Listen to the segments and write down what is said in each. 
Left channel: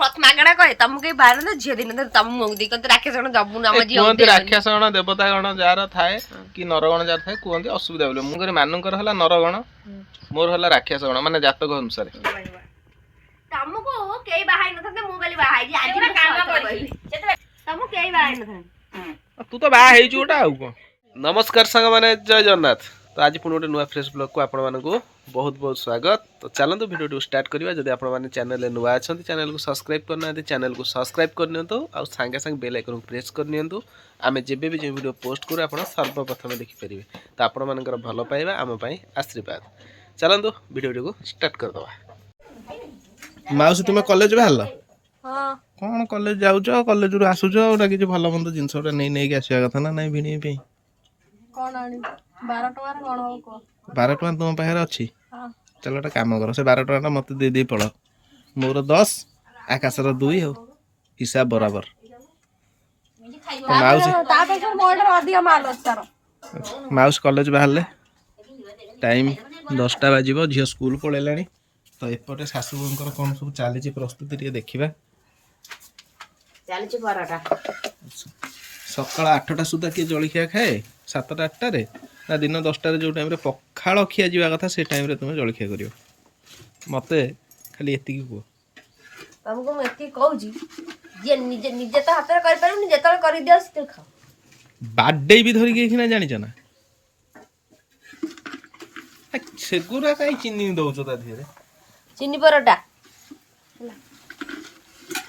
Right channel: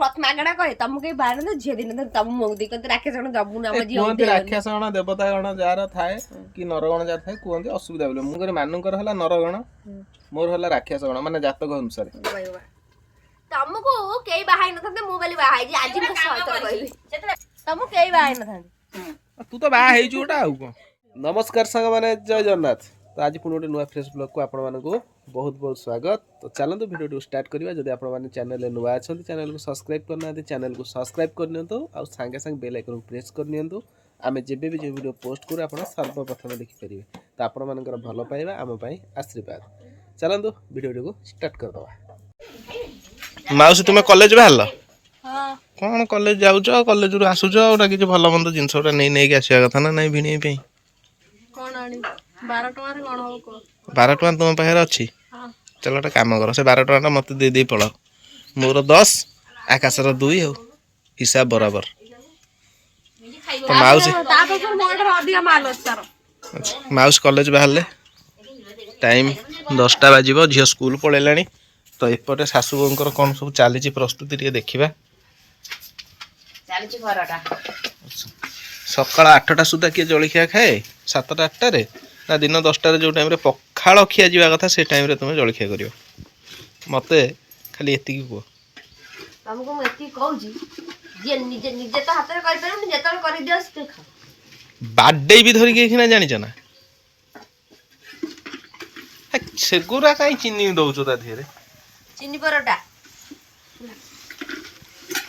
प्रथम आगड़ा कहे तुमको के बार न झियो दिन तुम मुंग दी कत राक्षस गण जबु नाम झियो कुहंती राक्षस गण देवता गण जार थाए कि नरगण जार थाए कुहंती असुविधा बोले मु करे मानकर हला नरगण मोर हला राक्षस गण माने जातक अनुसार तुमको केई बाहाई न थते मु गली बाहाई जी आज मैं सतर कहबी तुम केई बाहाई न थते तू तो बा हेई जुटा आउ को नमस्कार संग माने जय जगन्नाथ। तो आज पुणी गोटे नुआ फ्रेश ब्लॉग को आपण मानकु बहुत बहुत स्वागत। तो चलतु वीडियो स्टार्ट करवा। जदि आपण माने चैनल नुआ अछंती चैनल को सब्सक्राइब करना चैनल को सब्सक्राइब करनियंतु आ संगे संग बेल आइकन को प्रेस करनियंतु आमे जेबे भी जे वीडियो पोस्ट करू आपण सर्वप्रथम देखि परिबे। तो आपण मानकर भलो पाइबा आम पई आशीर्वाद। चलतु वीडियो को स्टार्ट कर दवा। माउसी तुमे कॉलेज बाहरलो हां कौन कॉलेज जाउछ कॉलेज रु आसुछ ओटा किछ भलो मंद जिंस ओटा नै नै के आसीया कथा ना नै भिणी पे कोन आनी 12 टका रे कोन हो को 12 टका तुम पाखरे अछि। हां चलो गोटे कम कर से 12 टका मत दे दे पड़ मोर 10 आकाशर 2 हो हिसाब बराबर। तो माउसी माउस कॉलेज बाहर टाइम 10टा बाजिबो झियो स्कूल पळेलाणी। तो एपटे सासू बोंकर कौन सब चली प्रस्तुति टे देखा सकाल 8टा सुधा किए जलखिया खाए 7टा 8टारे ना दिन 10टारे जो टाइम पखाड़ खिया जावा कथा से टाइम तुम जलखिया कर मते खाली एति को तुमको एति कहू जी जे निजे निजे तो हाथ रे कर परम जेतल कर दियो से खा बाडे भी धरिक एखिना जानिछ ना सेगुरा काई चिन्नी दउछो ता धीरे चिन्नी परोटा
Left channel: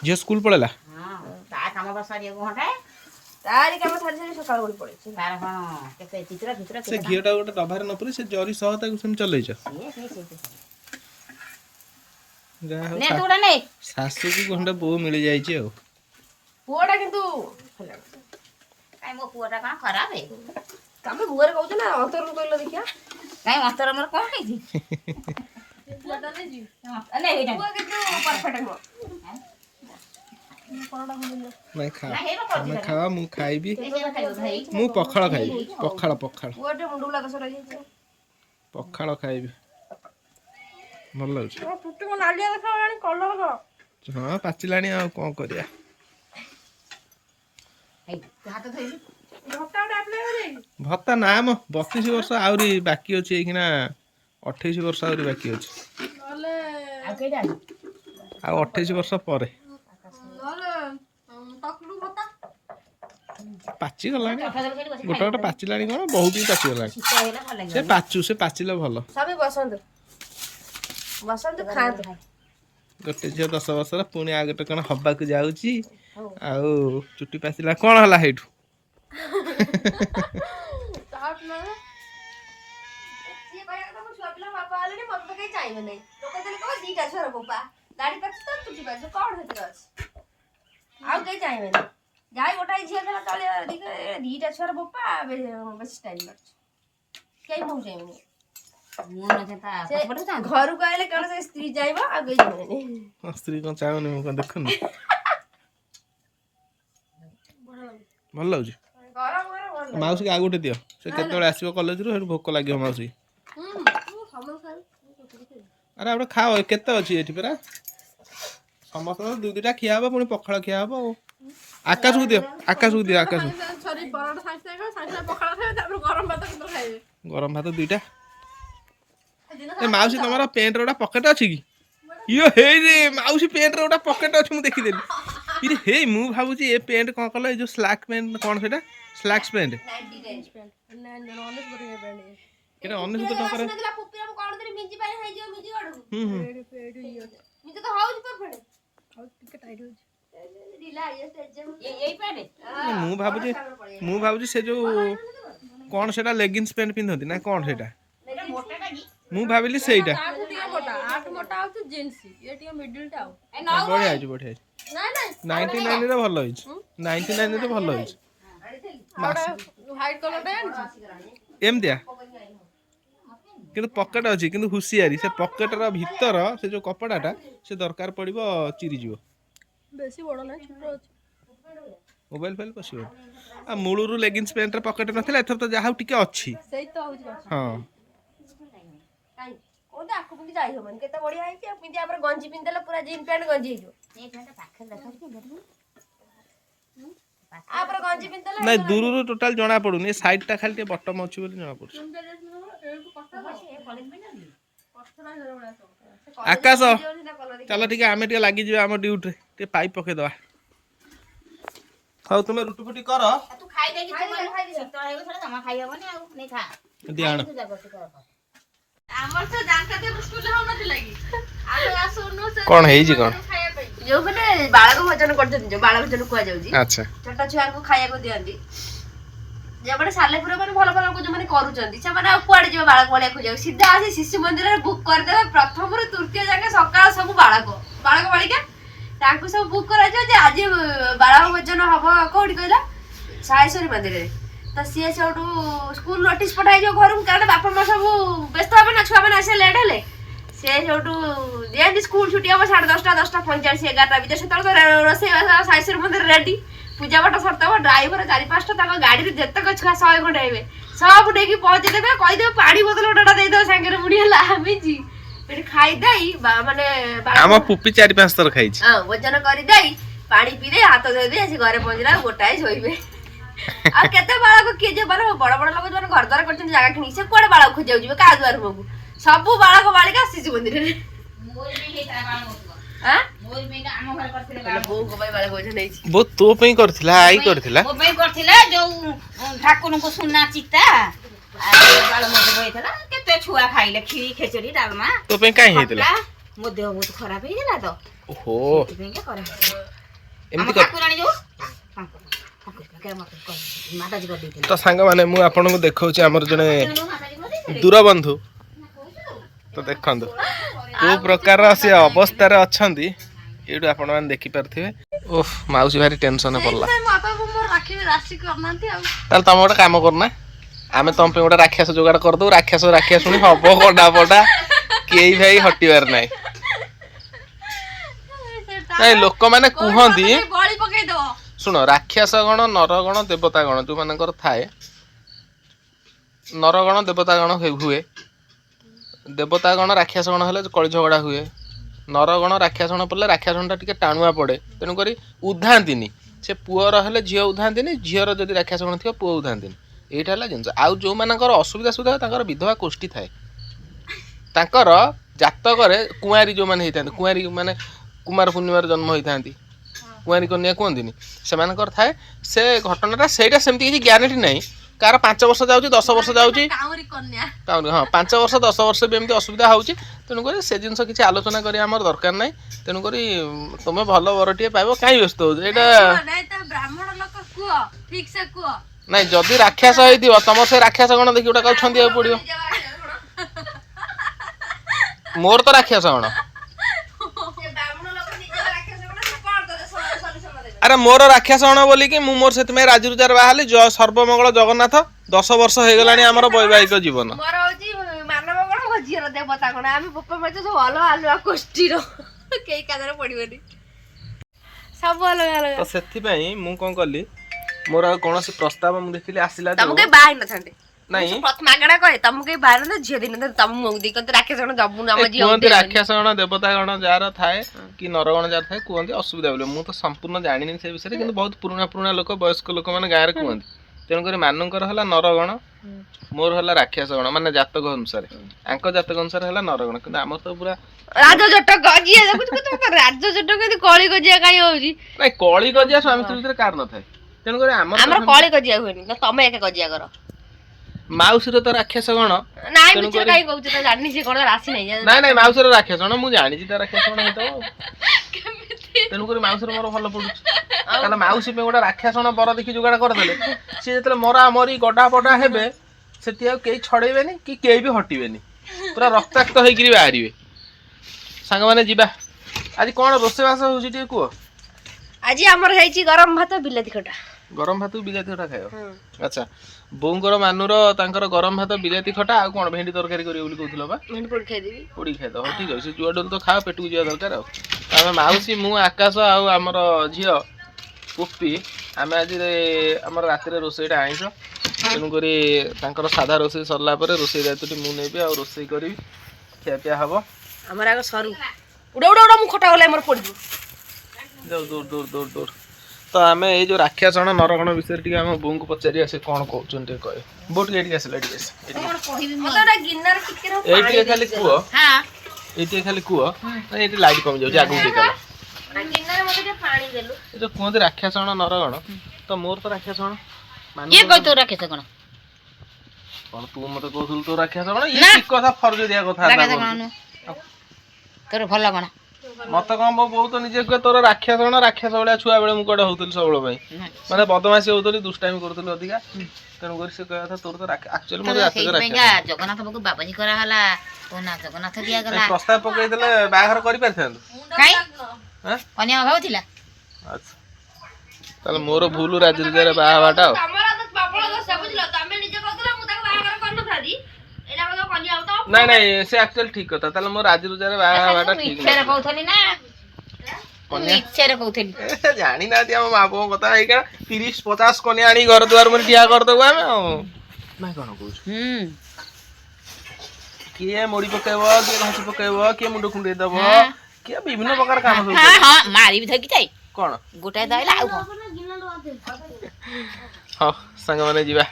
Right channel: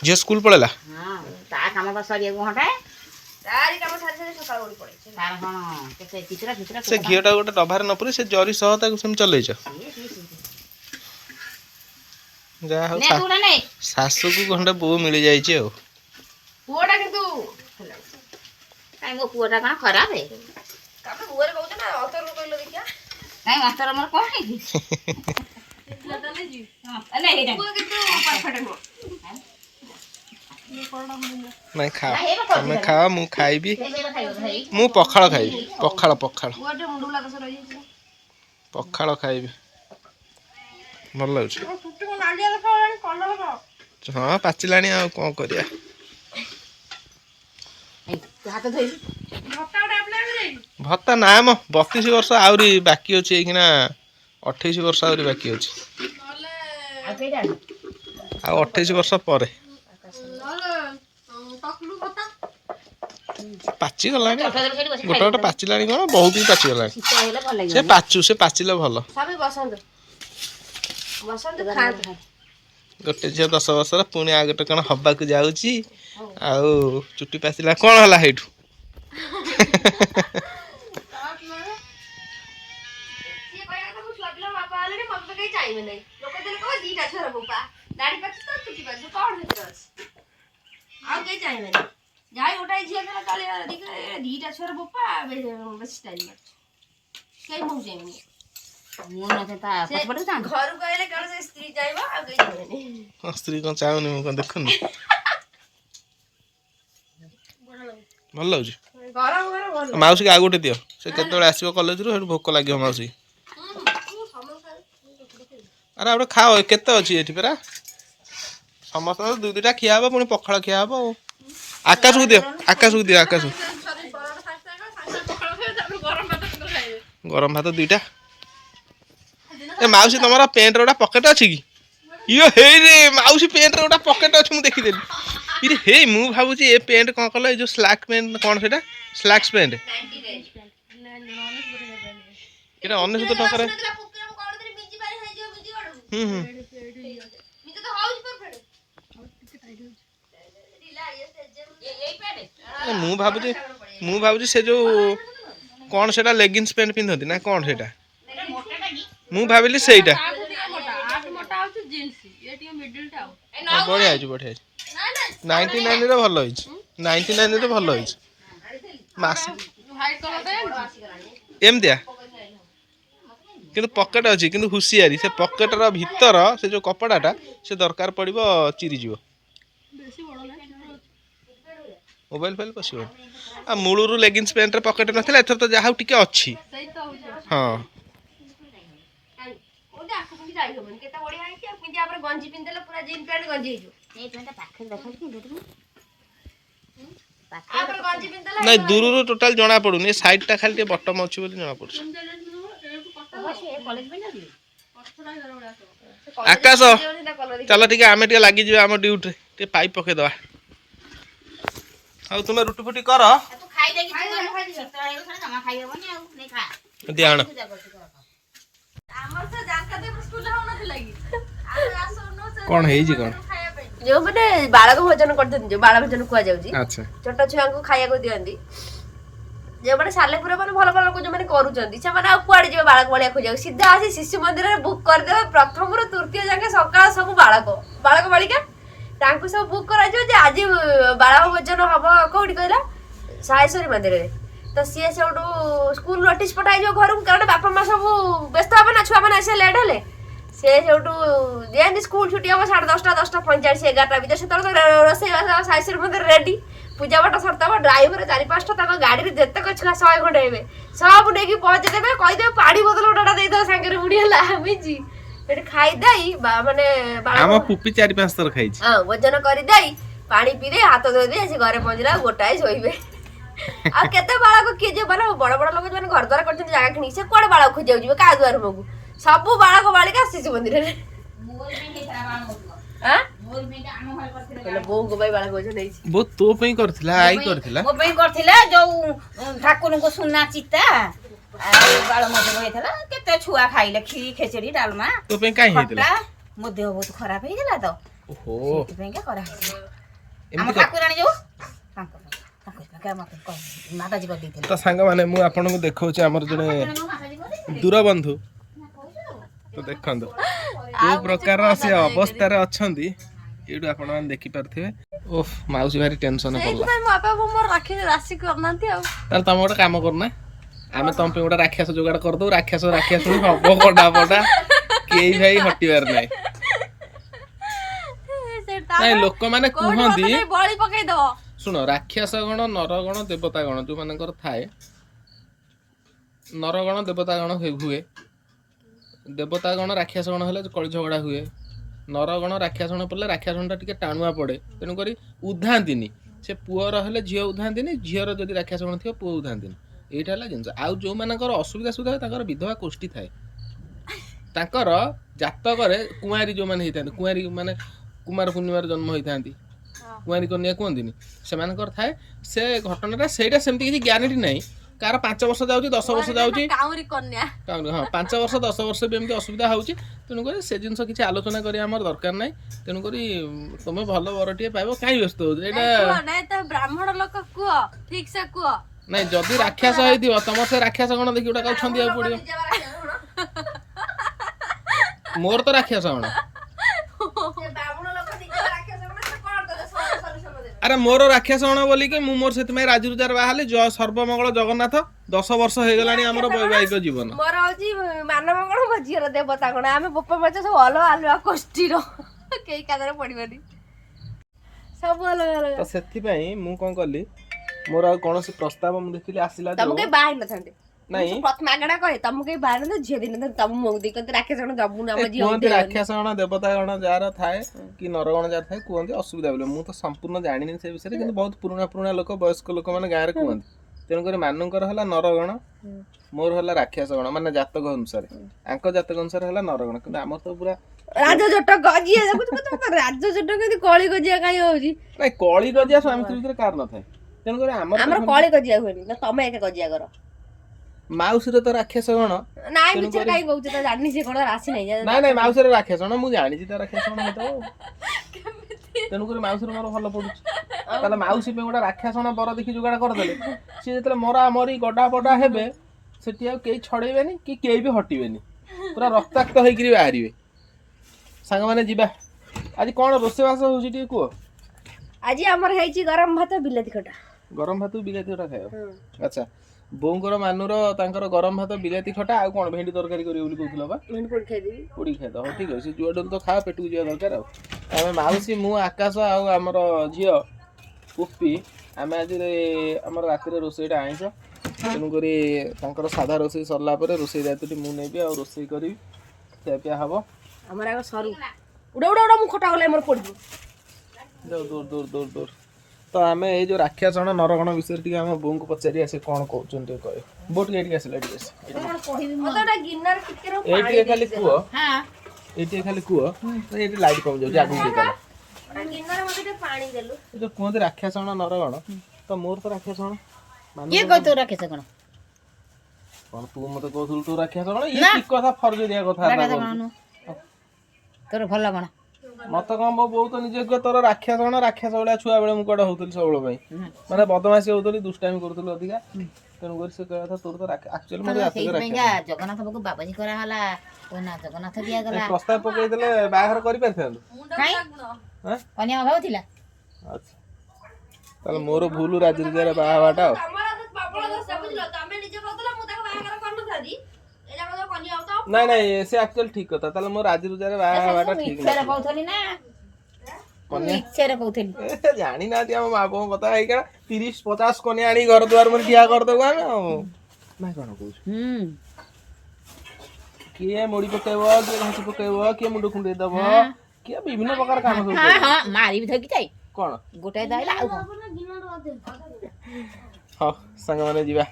जे स्कूल पळेला हां ता काम बसरिया घंटा तारी काम थारी थारी सकाळ उठ पड़े तार कोन केते चित्रा चित्रा से घियोटा गोटे डबारे न पुरी से जरी सहता को सेम चलैछ जा हो ने तोरा ने सासू को घंटा बो मिल जाई छै पुओटा किंतु काई मो पुआटा का खराब है तमे बुआरे कहू ना अतोर को कहलो देखिया काई मास्टर हमर कोन है पुआ डाले जी हां नहीं हे पुआ किंतु परफेक्ट हो नहीं खा तमे खा मु खाइबी खाइयो भाई मु पखाळ खाइबी पखाळ पखाळ पुआटे मुंडुला बस रही छै पखाळ खाइबी भल लाଗୁଛି फुट्टी को नालिया देखा कलर का हाँ पाचिलाणी आ कौन करिया हाथ धोई भत्ता उठे अप्लाई करे भत्ता ना म 32 वर्ष आउरी बाकी अछि एखिना 28 वर्ष आउरी बाकी अछि नले आ केडा आ 28 वर्ष परे नले टकलू भत्ता पाची गलाणी गोटे गोटे पाचिलाणी कोन बहुत ही पाची गलाणी से पाचिले भल सबै बसंत बसंत खांत गोटे झियो 10 वर्षर पुणी आ गोटे कण हब्बा को जाउची आउ चुट्टी पाचिला कोन हला हेठू चाहिए नहीं लोक दिल को दीटा छोरा बोपा दाढ़ी पछ तो चुटी पछ कोड भीतर अछि आ कई चाहिए नहीं जाई गोटाई झिया केला कालिया दीटा छोरा बोपा बस स्टाइल मार कई मुंह चाहिए नहीं मुंह न था पछपड़ था घर गएले कोन से स्त्री जाइबो आ कई चाहिए नहीं स्त्री कोन चाउनी मु कोन देखुन भल लाଗୁଛି गरम गरम माउसी के आ गोटे दियो से केतबेले आसीबो कॉलेज रो भोक लागियो माउसी अरे अब खाओ केते अछि एठी परा समस्त दू दुटा खिया हबो पुनी पखाळ खिया हबो आकाश को दियो आकाश गरम भात दुईटा ए माउसी तमरा पेंट रोडा पॉकेट अछि की यो हे रे माउसी पेंट रोडा पॉकेट अछि मु देखि देली इरे हे मु भाबुची ए पेंट कोन कला ए जो स्लैक पेंट कोन सेटा स्लैक्स पेंट एटा 19 टका रे मु भाबुची से जो कौन सेटा लेगिंग्स पेंट पिंधती ना कौन सेटा मु भाबिली सेटा बढ़िया बढ़िया 99 रे भल होइछ 99 रे भल होइछ मास व्हाइट कलर एम दिया किंतु पॉकेट अछि किंतु हुसियारी से पॉकेट रो भीतर से जो कपड़ाटा से दरकार पड़िबो चिरी जीवो बेसी बड़ ना छोटो मोबाइल फाइल पसिबो आ मूलरू लेगिंग्स पैंट रे पॉकेट नथिला एथर तो जाहाउ टिके अछि सही तो होछ हां ओदा आकु पुनी जाई होबन केता बढ़िया है कि पिंडिया पर गंजी पिन देला पूरा जीन पैंट गंजी हिजो ପାଖରେ ଦେଖାଉଛି ଆମର ଗଞ୍ଜି ପିନ୍ଧଲେ ନାଇଁ ଦୂରରୁ ଟୋଟାଲ ଜଣା ପଡୁନି ଏ ସାଇଡ ଟା ଖାଲି ଟିକେ ବଟମ ଅଛି ବୋଲି ଜଣା ପଡୁଛି। ଆକାଶ ଚାଲ ଟିକେ ଆମେ ଟିକେ ଲାଗିଯିବା ଆମ ଡ୍ୟୁଟିରେ ଟିକେ ପାଇପ୍ ପକେଇଦବା। ହଉ ତୁମେ ରୁଟି ଫୁଟି କର ତୁ ଖାଇଦେଇକି ଜମା ଖାଇହବନି ଆଉ ନେଇ ଖା ଦିଅ ଆଣ। ଆମର ତ ଜାଙ୍କା ଦେବ ସ୍କୁଲରେ ହଉନଥିଲା କି ଆମେ ଆସୁନୁ ସେ କଣ ହେଇଛି କଣ? ଖାଇବା ପାଇଁ ଯୋଉ ମାନେ ବାଳକ ଭୋଜନ କରୁଛନ୍ତି ଯୋଉ ବାଳ ଭୋଜନ କୁହାଯାଉଛି ଆଚ୍ଛା ଛୋଟ ଛୁଆଙ୍କୁ ଖାଇବାକୁ ଦିଅନ୍ତି ଯୋଉମାନେ ସାଲେପୁର ମାନେ ଭଲ ଭଲ ଲୋକ ଯୋଉମାନେ କରୁଛନ୍ତି ସେମାନେ ଆଉ କୁଆଡେ ଯିବେ ବାଳକ ଭଳିଆ ଖୋଜିବାକୁ ସିଧା ଆସି ଶିଶୁ ମନ୍ଦିରରେ ବୁକ୍ କରିଦେବେ ପ୍ରଥମରୁ ତୃତୀୟ ଯାକେ ସକାଳ ସବୁ ବାଳକ ବାଳିକା ତାଙ୍କୁ ସବୁ ବୁକ୍ କରାଯିବ ଯେ ଆଜି ବାଳକ ଭୋଜନ ହବ କୋଉଠି କହିଲା ସାହେଶ୍ୱରୀ ମନ୍ଦିରରେ ତ ସିଏ ସେଉଠୁ ସ୍କୁଲ ନୋଟିସ୍ ପଠାଇଯିବ ଘରକୁ କାରଣ ବାପା ମା ସବୁ ବ୍ୟସ୍ତ ହେବେ ନା ଛୁଆମାନେ ଆସିଲେ ଲେଟ୍ ହେଲେ ସେ ସେଉଠୁ ଯେମିତି ସ୍କୁଲ ଛୁଟି ହବ 10:30 10:45 11ଟା ଭିତରେ ସେତେବେଳେ ତ ରୋଷେଇବାସ ସାହେଶ୍ୱରୀ ମନ୍ଦିର ରେଡି ପୂଜା ପାଠ ସରିଥିବ ଡ୍ରାଇଭର 4-5ଟା ତାଙ୍କ ଗାଡିରେ ଯେତେକ ଛୁଆ 100 ଖଣ୍ଡେ ହେବେ ସବୁ ନେଇକି ପହଞ୍ଚେଇଦେବେ କହିଦେବେ ପାଣି ବୋତଲ ଗୋଟା ଦେଇଦେବେ ସାଙ୍ଗରେ ବୁଢୀ ହେଲା ମିଜି ସେଠି ଖାଇଦେଇ ମାନେ ଆମ ପୁପି 4-5 ଥର ଖାଇଛି। ହଁ ଭୋଜନ କରିଦେଇ ପାଣି ପିଇଦେଇ ହାତ ଧୋଇଦେଇ ଆସି ଘରେ ପହଞ୍ଚିଲା ଗୋଟାଏ ଶୋଇବେ। ଆଉ କେତେ ବାଳକ କିଏ ଯେ ମାନେ ବଡ ବଡ ଲୋକ ଯୋଉମାନେ ଘର ଦ୍ୱାର କରିଛନ୍ତି ଜାଗା କିଣିକି ସେ କୁଆଡେ ବାଳକ ଖୋଜିବାକୁ ଯିବେ କାହା ଦୁଆର ମୁହଁକୁ ସବୁ ବାଳକ ବାଳିକା ଶିଶୁ ମନ୍ଦିରରେ ବୋଉଙ୍କ ପାଇଁ ବାଳକ ଭୋଜନ ହେଇଛି। ବୋଉ ତୋ ପାଇଁ କରିଥିଲା ଆଇ କରିଥିଲା ମୋ ପାଇଁ କରିଥିଲା ଯୋଉ ଠାକୁରଙ୍କୁ ସୁନା ଚିତା ଆଉ ବାଳ ମନ୍ଦିର ହେଇଥିଲା କେତେ ଛୁଆ ଖାଇଲେ କ୍ଷୀରି ଖେଚେଡି ଡାଲମା ତୋ ପାଇଁ କାଇଁ ହେଇଥିଲା? ମୋ ଦେହ ବହୁତ ଖରାପ ହେଇଥିଲା ତ ଓହୋ ସେଥିପାଇଁକା କରାହେଇଥିଲା। ଏମିତି ଠାକୁରାଣୀ ଯୋଉ ମାତାଜୀ କରିଦେଇଥିଲେ ତ ସାଙ୍ଗମାନେ ମୁଁ ଆପଣଙ୍କୁ ଦେଖାଉଛି ଆମର ଜଣେ ଦୂରବନ୍ଧୁ ତ ଦେଖନ୍ତୁ କୋଉ ପ୍ରକାର ସେ ଅବସ୍ଥାରେ ଅଛନ୍ତି ଏଇଠୁ ଆପଣମାନେ ଦେଖିପାରୁଥିବେ। ଓଃ ମାଉସୀ ଭାରି ଟେନସନରେ ପଡିଲା। ତାହେଲେ ତମେ ଗୋଟେ କାମ କରୁନା ଆମେ ତମ ପାଇଁ ଗୋଟେ ରାକ୍ଷସ ଯୋଗାଡ଼ କରିଦଉ ରାକ୍ଷସୁଣି ହବ କଡା ପଡା କେହି ଭାଇ ହଟିବାର ନାହିଁ। ନାଇଁ ଲୋକମାନେ କୁହନ୍ତି ଶୁଣ ରାକ୍ଷସ ଗଣ ନରଗଣ ଦେବତା ଗଣ ଯୋଉମାନଙ୍କର ଥାଏ ନରଗଣ ଦେବତା ଗଣ ହୁଏ ଦେବତା ଗଣ ରାକ୍ଷସ ଗଣ ହେଲେ କଳି ଝଗଡା ହୁଏ ନରଗଣ ରାକ୍ଷସ ଗଣ ପଡ଼ିଲେ ରାକ୍ଷସ ଗଣଟା ଟିକେ ଟାଣୁଆ ପଡେ ତେଣୁକରି ଉଧାନ୍ତିନି ସେ ପୁଅର ହେଲେ ଝିଅ ଉଧାନ୍ତିନି ଝିଅର ଯଦି ରାକ୍ଷସ ଗଣ ଥିବ ପୁଅ ଉଧାନ୍ତିନି ଏଇଟା ହେଲା ଜିନିଷ। ଆଉ ଯୋଉମାନଙ୍କର ଅସୁବିଧା ସୁବିଧା ତାଙ୍କର ବିଧବା କୋଷ୍ଠୀ ଥାଏ ତାଙ୍କର ଜାତକରେ କୁଆଁରୀ ଯୋଉମାନେ ହେଇଥାନ୍ତି କୁଆଁରୀ ମାନେ କୁମାର ପୂର୍ଣ୍ଣିମାରେ ଜନ୍ମ ହେଇଥାନ୍ତି କୁଆଁରୀ କନ୍ୟା କୁହନ୍ତିନି ସେମାନଙ୍କର ଥାଏ ସେ ଘଟଣାଟା ସେଇଟା ସେମିତି କିଛି ଗ୍ୟାରେଣ୍ଟି ନାହିଁ କାହାର 5 ବର୍ଷ ଯାଉଛି 10 ବର୍ଷ ଯାଉଛି ହଁ 5 ବର୍ଷ 10 ବର୍ଷ ବି ଏମିତି ଅସୁବିଧା ହଉଛି ତେଣୁକରି ସେ ଜିନିଷ କିଛି ଆଲୋଚନା କରିବା ଆମର ଦରକାର ନାହିଁ ତେଣୁକରି ତମେ ଭଲ ବରଟିଏ ପାଇବ କାହିଁ ବ୍ୟସ୍ତ ହଉଛ ଏଇଟା ବ୍ରାହ୍ମଣ ଲୋକ କୁହ ଠିକ ସେ କୁହ ନାଇଁ ଯଦି ରାକ୍ଷସ ହେଇଥିବ ତମର ସେ ରାକ୍ଷସ ଗଣ ଦେଖି ଗୋଟେ କାହାକୁ ଛନ୍ଦିବାକୁ ପଡିବ। ମୋର ତ ରାକ୍ଷସ ଗଣ ଆରେ ମୋର ରାକ୍ଷସ ଗଣ ବୋଲିକି ମୁଁ ମୋର ସେଥିପାଇଁ ରାଜୁରୁଜାର ବାହାରିଲି ସର୍ବମଙ୍ଗଳ ଜଗନ୍ନାଥ 10 ବର୍ଷ ହେଇଗଲାଣି ଆମର ବୈବାହିକ ଜୀବନ। ମୋର ହଉଛି ମାନବ ଗଣ ମୋ ଝିଅର ଦେବତା ଗଣ ଆମେ ବୋପା ମାଛ ସବୁ ଅଲଗା ଅଲଗା କୋଷ୍ଠୀର କେହି କାନରେ ପଡିବନି ସବୁ ଅଲଗା ଅଲଗା ତ ସେଥିପାଇଁ ମୁଁ କଣ କଲି ମୋର ଆଉ କୌଣସି ପ୍ରସ୍ତାବ ମୁଁ ଦେଖିଲି ଆସିଲା ତମକୁ କେହି ବାହା ହେଇନଥାନ୍ତେ ନାଇଁ ପ୍ରଥମ ଆଗଟା କହେ ତମକୁ କେହି ବାହା ହେଇନଥାନ୍ତେ ଝିଅ ଦେଇନଥାନ୍ତେ ତମ ମୁହଁକୁ ଦେଇ କହନ୍ତି ରାକ୍ଷସ ଗଣ ଜବୁନ ଆମ ଝିଅ କୁହନ୍ତି ରାକ୍ଷସ ଗଣ ଦେବତା ଗଣ ଯାହାର ଥାଏ କି ନରଗଣ ଯାହାର ଥାଏ କୁହନ୍ତି ଅସୁବିଧା ବୋଲି ମୁଁ ତ ସମ୍ପୂର୍ଣ୍ଣ ଜାଣିନି ସେ ବିଷୟରେ କିନ୍ତୁ ବହୁତ ପୁରୁଣା ଲୋକ ବୟସ୍କ ଲୋକମାନେ ଗାଁରେ କୁହନ୍ତି ତେଣୁକରି ମାନଙ୍କର ହେଲା ନରଗଣ ମୋର ହେଲା ରାକ୍ଷସ ଗଣ ମାନେ ଜାତକ ଅନୁସାରେ ଆଙ୍କ ଜାତକ ଅନୁସାରେ ହେଲା ନରଗଣ କିନ୍ତୁ ଆମର ତ ପୁରା ରାଜଜଟକ ଯିଏ ଦେଖୁଛୁ ରାଜଜଟକ ଏମିତି କଳି କଜିଆ କାଇଁ ହଉଛି ନାଇଁ କଳି କଜିଆ ସ୍ୱାମୀ ସ୍ତ୍ରୀ ଭିତରେ କାହାର ନଥାଏ ତେଣୁକରି ଆମର କଳି କଜିଆ ହୁଏନି ତମେ ଏକା କଜିଆ କର ମାଉସୀର ତ ରାକ୍ଷସ ଗଣ ନାଇଁ ମିଛ କାଇଁ କହୁଛ ତ ଜାଣିନି ସେ କଣ ରାଶି ନାହିଁ ନାଇଁ ମାଉସୀର ରାକ୍ଷସ ଗଣ ମୁଁ ଜାଣିଛି ତା ରାକ୍ଷସ ଗଣ ହେଇଥିବ ତେଣୁକରି ମାଉସୀର ମୋର ଭଲ ପଡୁଛି ତାହେଲେ ମାଉସୀ ପାଇଁ ଗୋଟେ ରାକ୍ଷସ ଗଣ ବର ଦେଖି ଯୋଗାଡ଼ କରିଦେଲେ ସିଏ ଯେତେବେଳେ ମରା ମରି ଗଡା ପଡା ହେବେ ସେଠି ଆଉ କେହି ଛଡେଇବେନି କି କେହି ବି ହଟିବେନି ପୁରା ରକ୍ତାକ୍ତ ହେଇକିରି ବାହାରିବେ। ସାଙ୍ଗମାନେ ଯିବା ଆଜି କଣ ରୋଷେଇବାସ ହଉଛି ଟିକେ କୁହ। ଆଜି ଆମର ହେଇଛି ଗରମ ଭାତ ବିଲାତି ଖଟା ଗରମ ଭାତ ବିଲାତି ଖଟା ଖାଇବ ଆଚ୍ଛା ବୋଉଙ୍କର ମାନୁର ତାଙ୍କର ଗରମ ଭାତ ବିଲାତି ଖଟା ଆଉ କଣ ଭେଣ୍ଡି ତରକାରୀ କରିବ ବୋଲି କହୁଥିଲ ବା ଭେଣ୍ଡି ପୋଡି ଖାଇଦେବି ପୋଡି ଖାଇଦବ ଠିକ ଅଛି ସେ ଯୁଆଡୁ ତ ଖାଅ ପେଟକୁ ଯିବା ଦରକାର ଆଉ ଆମେ ମାଉସୀ ମୁଁ ଆକାଶ ଆଉ ଆମର ଝିଅ ପୁପି ଆମେ ଆଜି ଆମର ରାତିରେ ରୋଷେଇଟା ଆଇଁଷ ତେଣୁକରି ତାଙ୍କର ସାଧା ରୋଷେଇ ସରିଲା ପରେ ରୋଷେଇ ଦାୟିତ୍ୱଟି ମୁଁ ନେବି ଆଉ ରୋଷେଇ କରିବି ଖିଆପିଆ ହବ ଆମର ଆଗ ସରୁ ଉଡା ମୁଁ ଖଟା ଗଲେ ଆମର ପଡିଯିବ ଯାଉ ଦୂର ଦୂର ଦୂର ଦୂର। ତ ଆମେ ଏଇ ଯୋଉ ରାକ୍ଷାସଣ ନରଗଣ ବିଷୟରେ ଟିକେ ଆମ ବୋଉଙ୍କୁ ପଚାରିବା ସେ କ'ଣ କହୁଛନ୍ତି ଟିକେ କହିବେ। ବୋଉ ଟିକେ ଏଠିକି ଆସିଲା ଏଠିକି ଆସ। ଏଇ ଟିକେ ଖାଲି କୁହ ଏଇ ଟିକେ ଖାଲି କୁହ ଏଇଠି ଲାଇଟ୍ କମି ଯାଉଛି ଆଗକୁ ଟିକେ ଚାଲ। ଏ ଯୋଉ କୁହନ୍ତି ରାକ୍ଷାସଣ ନରଗଣ ତ ମୋର ତ ରାକ୍ଷାସଣ ଇଏ କହି ତୋ ରାକ୍ଷସ କଣ କ'ଣ ତୁ ମତେ କହୁଥିଲୁ ତୋ ରାକ୍ଷାସଣ ଇଏ କି କଥା ଫର୍ଜ ଦିଆ କଥା ତୋର ଭଲ କଣ ମତେ କ'ଣ ମୋ ବୋଉ ତ ନିଜେ କୁହେ ତୋର ରାକ୍ଷାସଣ ରାକ୍ଷସ ଭଳିଆ ଛୁଆ ବେଳେ ମୁଁ କୁଆଡେ ହଉଥିଲି ସବୁବେଳେ ପାଇଁ ମାନେ ବଦମାସି ହଉଥିଲି ଦୁଷ୍ଟାମି କରୁଥିଲି ଅଧିକା ତେଣୁ କରି ସେ କହିବା କଥା ତୋର ତ ଆକ୍ଚୁଆଲି ମୋର ଜଗନ୍ନାଥ ପାଖକୁ ବାବାଜୀ କରାହେଲା ନା ଜଗନ୍ନାଥ ଦିଆଗଲା ପ୍ରସ୍ତାବ ପକେଇଥିଲେ ବାହାଘର କରିପାରିଥାନ୍ତୁ କାଇଁ କନ୍ୟା ଅଭାବ ଥିଲା ଆଚ୍ଛା ତାହେଲେ ମୋର ଭୁଲ ରାଜରୀତିରେ ବାହା ହବାଟା ଆଉ ନାଇଁ ନାଇଁ ସେ ଆକ୍ଚୁଆଲି ଠିକ କଥା ତାହେଲେ ମୋ ରାଜରୀତିରେ ବାହା ହବାଟା ଠିକ ଇଚ୍ଛାରେ କହୁଥିଲି ନା ଇଚ୍ଛାରେ କହୁଥିଲି ଜାଣିନାହାନ୍ତି ଆମ ମା ବୋଉଙ୍କ କଥା ଏଇକା 30-50 କନ୍ୟା ଆଣି ଘର ଦୁଆର ମୁହଁରେ ଠିଆ କରିଦେବୁ ଆମେ ଆଉ ଭାଇ କ'ଣ କହୁଛୁ କିଏ ମୋଡ଼ି ପକେଇବ କିଏ ଘଷି ପକେଇବ କିଏ ମୁଣ୍ଡ କୁଣ୍ଡେଇ ଦବ କିଏ ବିଭିନ୍ନ ପ୍ରକାର କାମ ସବୁ ମାରିବି ଧରିକି ଯାଇ କ'ଣ ଗୋଟାଏ ଦାଇଲା ଆଉ କ'ଣ ହଁ ସାଙ୍ଗମାନେ ଯିବା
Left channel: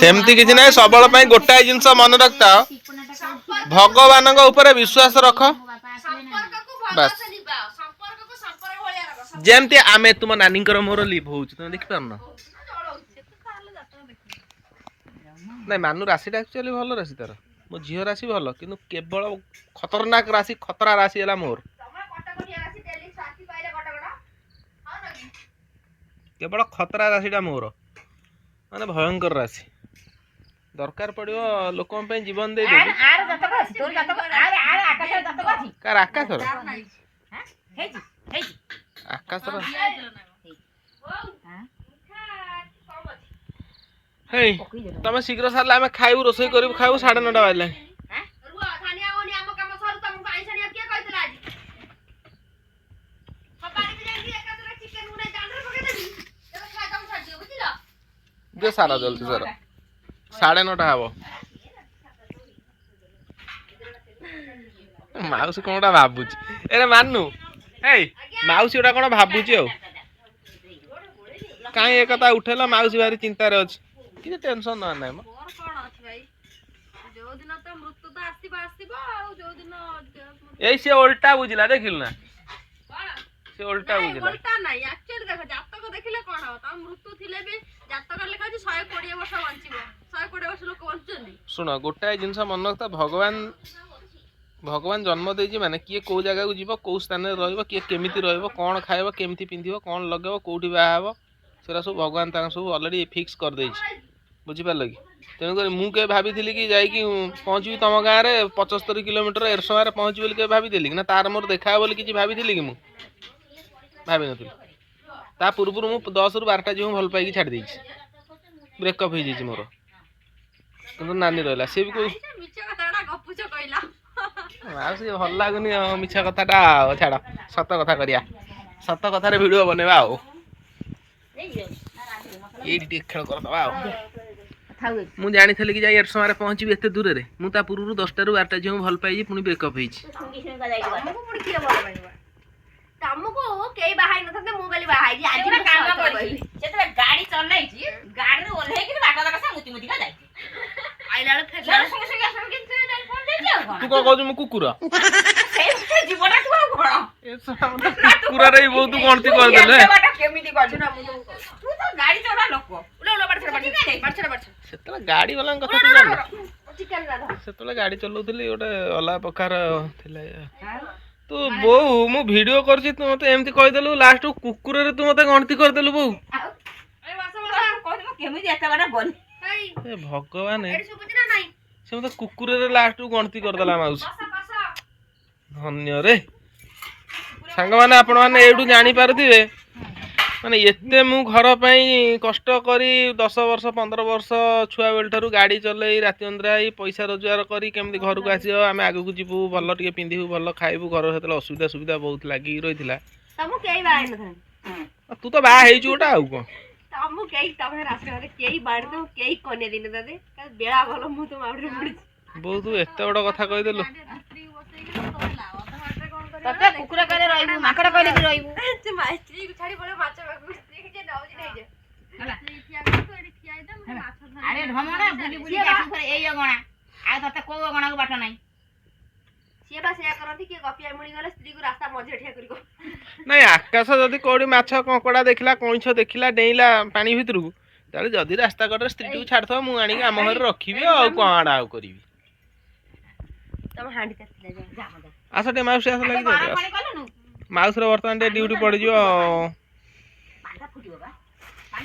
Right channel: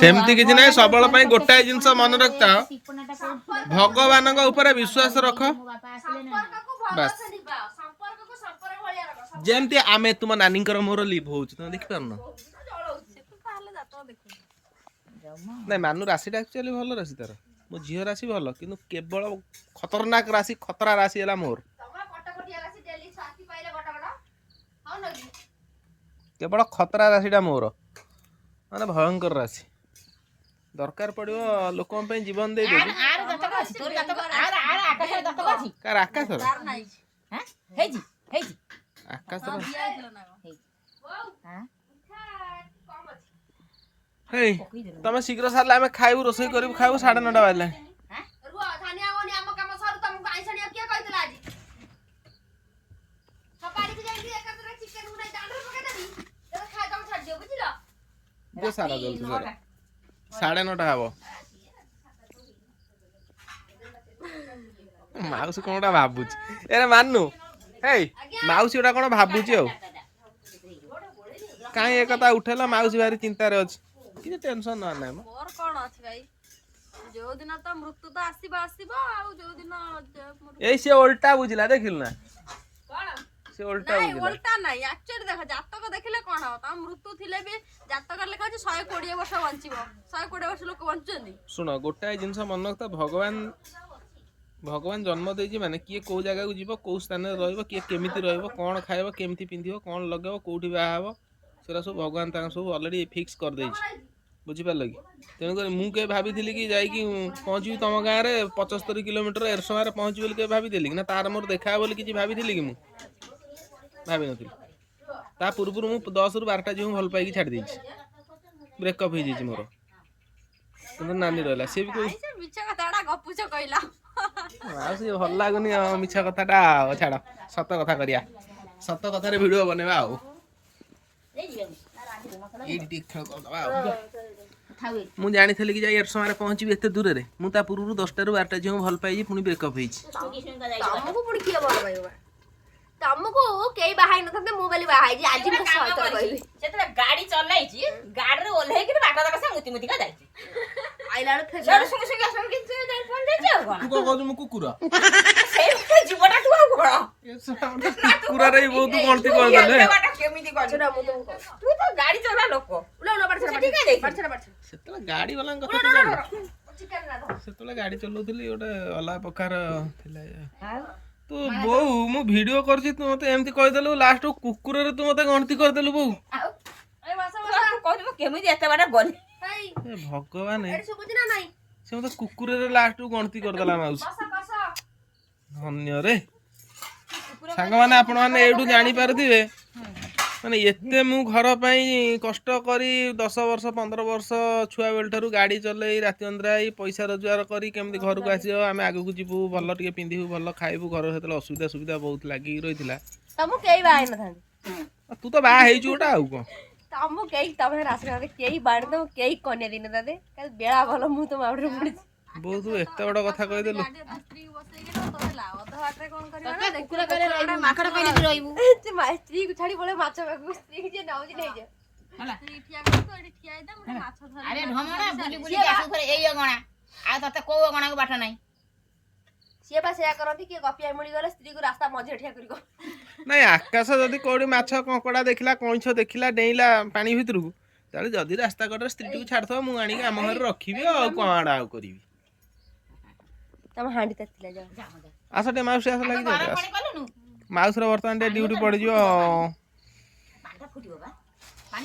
ସେମିତି କିଛି ନାହିଁ ସବୁବେଳେ ପାଇଁ ଗୋଟାଏ ଜିନିଷ ମନେ ରଖିଥାଅ ଭଗବାନଙ୍କ ଉପରେ ବିଶ୍ୱାସ ରଖ ବାସ୍ ଯେମିତି ଆମେ ତୁମ ନାନୀଙ୍କର ମୋର ଲିଭ୍ ହଉଛି ତମେ ଦେଖିପାରୁନ ନାଇଁ ମାନୁ ରାଶିଟା ଆକ୍ଚୁଆଲି ଭଲ ରାଶି ତାର ମୋ ଝିଅ ରାଶି ଭଲ କିନ୍ତୁ କେବଳ ଖତରନାକ ରାଶି ଖତରା ରାଶି ହେଲା ମୋର କେବଳ ଖତରା ରାଶିଟା ମୋର ମାନେ ଭୟଙ୍କର ରାଶି ଦରକାର ପଡ଼ିବ ଲୋକଙ୍କ ପାଇଁ ଜୀବନ ଦେଇଦେବି କାର ଆକାଶର ଆକାଶର ହେଇ ତମେ ଶୀଘ୍ର ସାରିଲେ ଆମେ ଖାଇବୁ ରୋଷେଇ କରିବୁ ଖାଇବୁ 9:30 ବାଜିଲାଣି ଦିଅ ସାରା ଜଲ୍ଦି ସାର 9:30 ହବ ମାଉସୀ କ'ଣ ଗୋଟେ ଭାବୁଛି ଏରେ ମାନୁ ହେଇ ମାଉସୀ ଗୋଟା କ'ଣ ଭାବୁଛି ଆଉ କାହିଁ ଏ କଥା ଉଠେଇଲ ମାଉସୀ ଭାରି ଚିନ୍ତାରେ ଅଛି କିଛି ଟେନସନ ନବା ନାହିଁ ମୋର କ'ଣ ଅଛି ଭାଇ ଯୋଉ ଦିନ ତ ମୃତ୍ୟୁ ତ ଆସିବ ଆଉ ଯୋଉ ଦିନ ଏଇ ସେ ଓଲଟା ବୁଝିଲା ଦେଖିଲୁ ନା ସେ ଓଲଟା ବୁଝିଲା ଓଲଟା ନାହିଁ ଆକ୍ଚୁଆଲି ଦେଖ ଜାତକ ଦେଖିଲେ କ'ଣ ହବ ତମ ମୃତ୍ୟୁ ଥିଲେ ବି ଜାତକ ଲେଖା ଅଛି 120 ବର୍ଷ ବଞ୍ଚିବ 120 ବର୍ଷ ଲୋକ ବଞ୍ଚୁଛନ୍ତି ଶୁଣ ଗୋଟାଏ ଜିନିଷ ମନେ ରଖିଥା ଭଗବାନ ଜନ୍ମ ଦେଇଛି ମାନେ କିଏ କୋଉ ଜାଗାକୁ ଯିବ କୋଉ ସ୍ଥାନରେ ରହିବ କିଏ କେମିତି ରହିବ କ'ଣ ଖାଇବ କେମିତି ପିନ୍ଧିବ କ'ଣ ଲଗେଇବ କୋଉଠି ବାହା ହବ ସେଟା ସବୁ ଭଗବାନ ତାଙ୍କ ସବୁ ଅଲରେଡି ଫିକ୍ସ କରିଦେଇଛି ବୁଝିପାରିଲ କି ତେଣୁକରି ମୁଁ କେବେ ଭାବିଥିଲି କି ଯାଇକି ପହଞ୍ଚିବି ତମ ଗାଁରେ 75 କିଲୋମିଟର ଏରସମାରେ ପହଞ୍ଚିବି ବୋଲି କେବେ ଭାବିଥିଲି କି ନା ତାର ମୋର ଦେଖା ହବ ବୋଲି କିଛି ଭାବିଥିଲି କି ମୁଁ ଭାବିନଥିଲି ତା ପୂର୍ବରୁ ମୁଁ 10ରୁ 12ଟା ଝିଅ ଭଲ ପାଇକି ଛାଡ଼ି ଦେଇଛି ବ୍ରେକଅପ୍ ହେଇଯାଇଛି ମୋର କିନ୍ତୁ ନାନୀ ରହିଲା ସେ ବି ଆଉ ସେ ଭଲ ଲାଗୁନି ମିଛ କଥାଟା ଆଉ ଛାଡ଼ ସତ କଥା କରିବା ସତ କଥାରେ ଭିଡ଼ିଓ ବନେଇବା ଆଉ ଏଇଠି ଟିକେ ଖେଳ କରିଦେବା ଆଉ ମୁଁ ଜାଣିଥିଲି କି ଯାଇ ଏରସମାରେ ପହଞ୍ଚିବି ଏତେ ଦୂରରେ ମୁଁ ତା ପୂର୍ବରୁ 10ଟାରୁ 12ଟା ଝିଅ ଭଲ ପାଇଛି ପୁଣି ବ୍ରେକଅପ୍ ହେଇଛି ତମକୁ କେହି ବାହା ହେଇନଥାନ୍ତେ ମୁଁ ବୋଲି ବାହା ହେଇଛି ଆଜି ମୁଁ ସତ କହିବି ଯେତେବେଳେ ଗାଡି ଚଲାଇଛି ଗାଡିରେ ଓହ୍ଲେଇକି ବାଟ ଯାକ ସେ ମୁତି ମୁତିକା ଯାଇଛି ଆଇଲା ବେଳେ ଫେର ତୁ କ'ଣ କହୁଛୁ ମୁଁ କୁକୁର ଜୀବଟା ତୁ ଆଉ କ'ଣ କୁକୁରରେ ବି ବହୁତ ଗଣତି କରିଦେଲେ କେମିତି ତୁ ତ ଗାଡି ଚଲା ଲୋକ ସେତେବେଳେ ଗାଡି ବାଲାଙ୍କ କଥା ତୁ ଜାଣିନ ସେତେବେଳେ ଗାଡି ଚଲାଉଥିଲି ଗୋଟେ ଅଲଗା ପ୍ରକାର ଥିଲା ତୁ ବୋଉ ମୁଁ ଭିଡିଓ କରୁଛି ତୁ ମତେ ଏମିତି କହିଦେଲୁ ଲାଷ୍ଟ କୁକୁରରେ ତୁ ମତେ ଗଣତି କରିଦେଲୁ ବୋଉ କେମିତି ଏତେ ବାଟ ଗଲି ଭଗବାନ ସେ ମତେ କୁକୁରରେ ଲାଷ୍ଟ ଗଣତି କରିଦେଲା ମାଉସୀ ଧନ୍ୟରେ ସାଙ୍ଗମାନେ ଆପଣମାନେ ଏଇଠୁ ଜାଣିପାରୁଥିବେ ମାନେ ଏତେ ମୁଁ ଘର ପାଇଁ କଷ୍ଟ କରି 10 ବର୍ଷ 15 ବର୍ଷ ଛୁଆ ବେଳ ଠାରୁ ଗାଡ଼ି ଚଲେଇ ରାତି ଅନିଦ୍ରା ପଇସା ରୋଜଗାର କରି କେମିତି ଘରକୁ ଆସିବ ଆମେ ଆଗକୁ ଯିବୁ ଭଲ ଟିକେ ପିନ୍ଧିବୁ ଭଲ ଖାଇବୁ ଘର ସେତେବେଳେ ଅସୁବିଧା ସୁବିଧା ବହୁତ ଲାଗିକି ରହିଥିଲା। ତମକୁ କେହି ବାହା ହେଇନଥାନ୍ତି। ତୁ ତ ବାହା ହେଇଛୁ ଗୋଟେ ଆଉ କଣ। ତମକୁ କେହି ତମ ରାସ୍ତାରେ କେହି ବାଣି ତମକୁ କେହି କନ୍ୟା ଦିନ ତାଦେ ବେଳା ଭଲ ମୁଁ ତ ମାଉଡରେ ପଡିଛି। ବହୁତ ଏତେ ବଡ଼ କଥା କହିଦେଲୁ। ତତେ କୁକୁର କହିଲେ ରହିବୁ ମାଙ୍କଡ କହିଲେ ବି ରହିବୁ ସ୍ତ୍ରୀକୁ ଛାଡି ପଳେଇ ମାଛ ପାଖକୁ ସ୍ତ୍ରୀ ଯିଏ ନଉଛି ନେଇଯା ହେଲା ଆରେ ଢମଣା ବୁଲି ବୁଲି ଆସିବୁ ଫେରେ ଏଇ ଅଗଣା ଆଉ ତତେ କୋଉ ଅଗଣାକୁ ବାଟ ନାହିଁ। ସିଏ ବା ସେଇଆ କରନ୍ତି କିଏ ଗପିଆ ମିଳିଗଲେ ସ୍ତ୍ରୀକୁ ରାସ୍ତା ମଝିରେ ଠିଆ କରିବ। ନାଇଁ ଆକାଶ ଯଦି କୋଉଠି ମାଛ କଙ୍କଡା ଦେଖିଲା କଇଁଛ ଦେଖିଲା ଡେଇଁଲା ପାଣି ଭିତରକୁ ତାହେଲେ ଯଦି ରାସ୍ତା କଡ଼ରେ ସ୍ତ୍ରୀଟିକୁ ଛାଡିଥିବ ମୁଁ ଆଣିକି ଆମ ଘରେ ରଖିବି ଆଉ କଣ ଆଉ କରିବି। ତମ ହାଣ୍ଡି ତାତିଲା ଯାଅ ଯା ମଜା ଆସ ଟିକେ ମାଉସୀ ଆସ ଲାଗି ଯାଉ ମାଉସୀର ବର୍ତ୍ତମାନ ଟିକେ ଡ୍ୟୁଟି ପଡ଼ିଯିବ। ପାଣିଟା ଫୁଟିବ ବା ପାଣି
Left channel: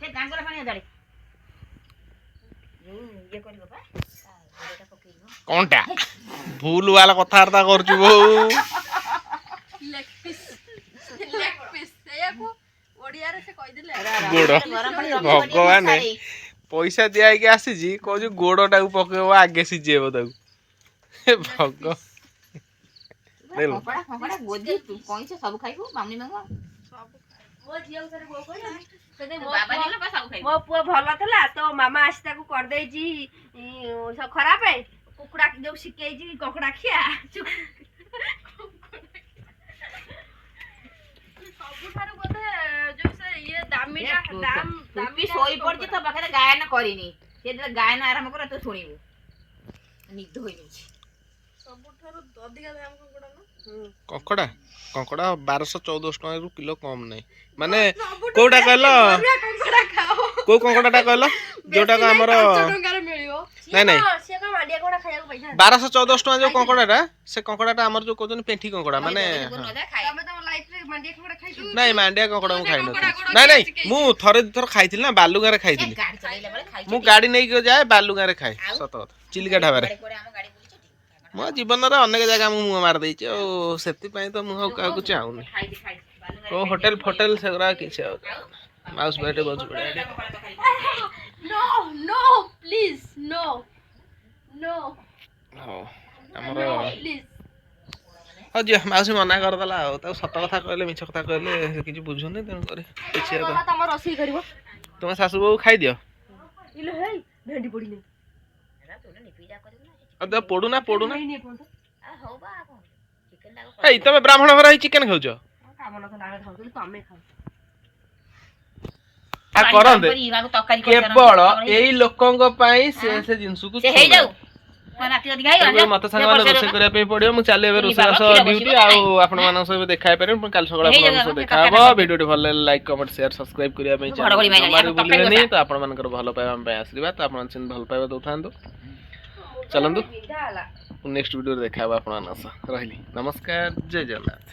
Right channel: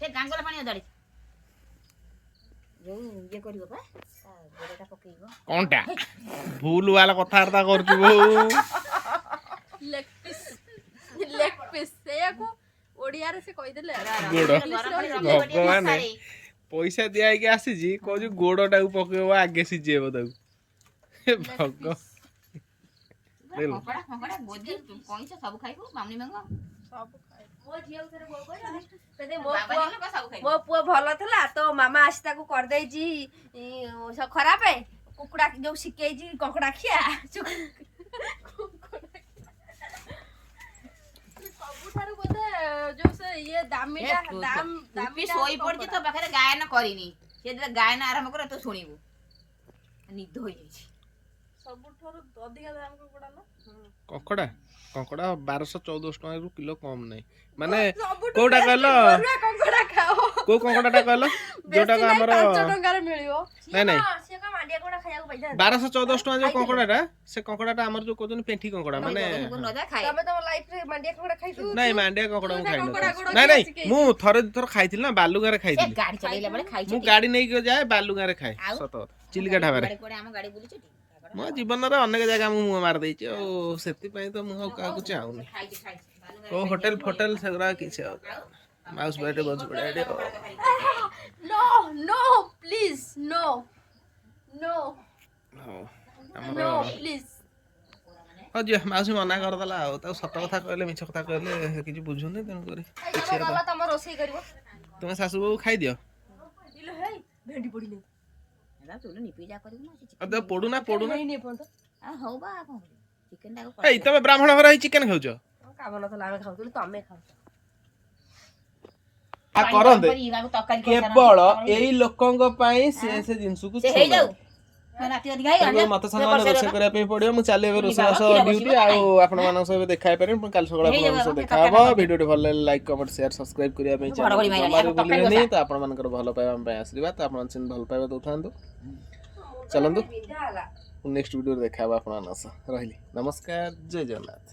ସେ ଗାଙ୍ଗର ପାଣି ଅଦାଡି ଯୋଉ ଇଏ କରିବ ବା ଗୋଡ଼ଟା ପକେଇବ କଣଟା ଭୁଲ ବାଲା କଥାବାର୍ତ୍ତା କରୁଛୁ ବୋଉ। ଗୋଡ଼ ଭଗବାନ ପଇସା ଦିଆ ହେଇକି ଆସିଛି କହୁଛୁ ଗୋଡ଼ଟାକୁ ପକେଇବ ଆଗେ ସିଝେଇବ ତାକୁ ଭଗ ସବୁ ଖାଇବୁ ମାମୁନି ମାଙ୍ଗ ମୋ ପୁଅ ଭଲ ଥିଲା ତ ମାମା ଆସି ତାକୁ କରିଦେଇଛି ଖରାପ କୁକୁଡ଼ା ଯୋଉ ଶିଖେଇଛି କଙ୍କଡା ଖିଆ ସବୁଠାରୁ ବୋଧେ ଯୋଉ ସେ ଇଏ ଦାମିଟା ଶୋଇ ପଡିଛି ତୋ ପାଖରେ ଗାୟନ କରିନି ସେ ଗାୟନ ଆରମ୍ଭ କର ତୁ ଶୁଣିବୁ ନିଦ ହୋଇଯାଇଛି। ସବୁଠାରୁ ଅଧିକା ଦାମ କଙ୍କଡା କଙ୍କଡା 1200-1400 ଟଙ୍କାରୁ କିଲୋ କମ ନାହିଁ ମାନେ କୋଉଟା କହିଲ କୋଉ କଙ୍କଡାଟା କହିଲ ଯୋଉଟା ଆମର ନାଇଁ ନାଇଁ 1200-1400 ଟଙ୍କା ଯୋଉ କଙ୍କଡାଟା ସେ କଙ୍କଡାଟା ଆମର ଯୋଉ କହୁଛନ୍ତି ପେଣ୍ଠି କଙ୍କଡା ମାନେ ନାଇଁ ମାଣ୍ଡିଆ କଙ୍କଡା ମୁଁ ଖାଇନଥିଲି। ନାଇଁ ନାଇଁ ମୁଁ ଥରେ ଦିଥର ଖାଇଥିଲି ନା ବାଲୁଗାଁରେ ଖାଇଥିଲି ମୁଁ ଗାଡି ନେଇକି ଯାଏ ବାଲୁଗାଁରେ ଖାଏ ସତ କଥା ଚିଲିକା ଢାବାରେ। ମୋ ଜୀବନରେ ଅନେକ ଜାଗା ମୁଁ ମୁହଁ ମାରିଦେଇଛି ଆଉ ସେଥିପାଇଁ ତ ମୁଁ ଆଉ କାହାକୁ ଚାହୁଁନି କୋଉ ହୋଟେଲ ଫୋଟେଲ ସେଗୁଡ଼ା କିଛି ଆଉ ମାଉସ ବାଟେ ବଜୁ ପଡିଆ ହଉ ଆମର ହଉ ଝିଅ ମାଉସୀ ମନା କରିଦେଲା ଆଉ ତାକୁ ସତ କଥା କହିଲେ ମିଛ କଥା କହିଲେ ସେ କିଛି ବୁଝୁନି ତେଣୁ କରି କିଛି ତୁମେ ଶାଶୁ ବୋହୁ ଖାଇଦିଅ ପଡୁନା ପଡୁନା ଏଇ ତମେ ବ୍ରାହ୍ମଣ ଘର ହେଇ ଚିକେନ ଖାଉଛ କରନ୍ତେ କେବଳ ଏଇ ଲୋକଙ୍କ ପାଇଁ ସେ ଜିନିଷକୁ ମତେ ସାଙ୍ଗମାନେ ରୋଷେଇ କରିବା ପାଇଁ ପଡିବ ମୁଁ ଚାଲି ଏବେ ରୋଷେଇବାସ ଡ୍ୟୁଟି ଆଉ ଆପଣମାନଙ୍କ ସହ ଦେଖା ହେଇପାରିବି ପୁଣି କାଲି ସକାଳେ ଆପଣଙ୍କ ସହ ଦେଖା ହବ। ଭିଡିଓଟି ଭଲ ଲାଗିଲେ ଲାଇକ୍ କମେଣ୍ଟ ସେୟାର ସବସ୍କ୍ରାଇବ କରିବା ପାଇଁ ଜମାରୁ ଭୁଲିବେନି ତ ଆପଣମାନଙ୍କର ଭଲ ପାଇବା ଆମ ପାଇଁ ଆଶୀର୍ବାଦ ତ ଆପଣ ସେମିତି ଭଲ ପାଇବା ଦଉଥାନ୍ତୁ। ଚାଲନ୍ତୁ ନେକ୍ସଟ ଭିଡିଓରେ ଦେଖା ହବ ଆପଣମାନଙ୍କ ସହ ରହିଲି ନମସ୍କାର ଜୟ ଜଗନ୍ନାଥ।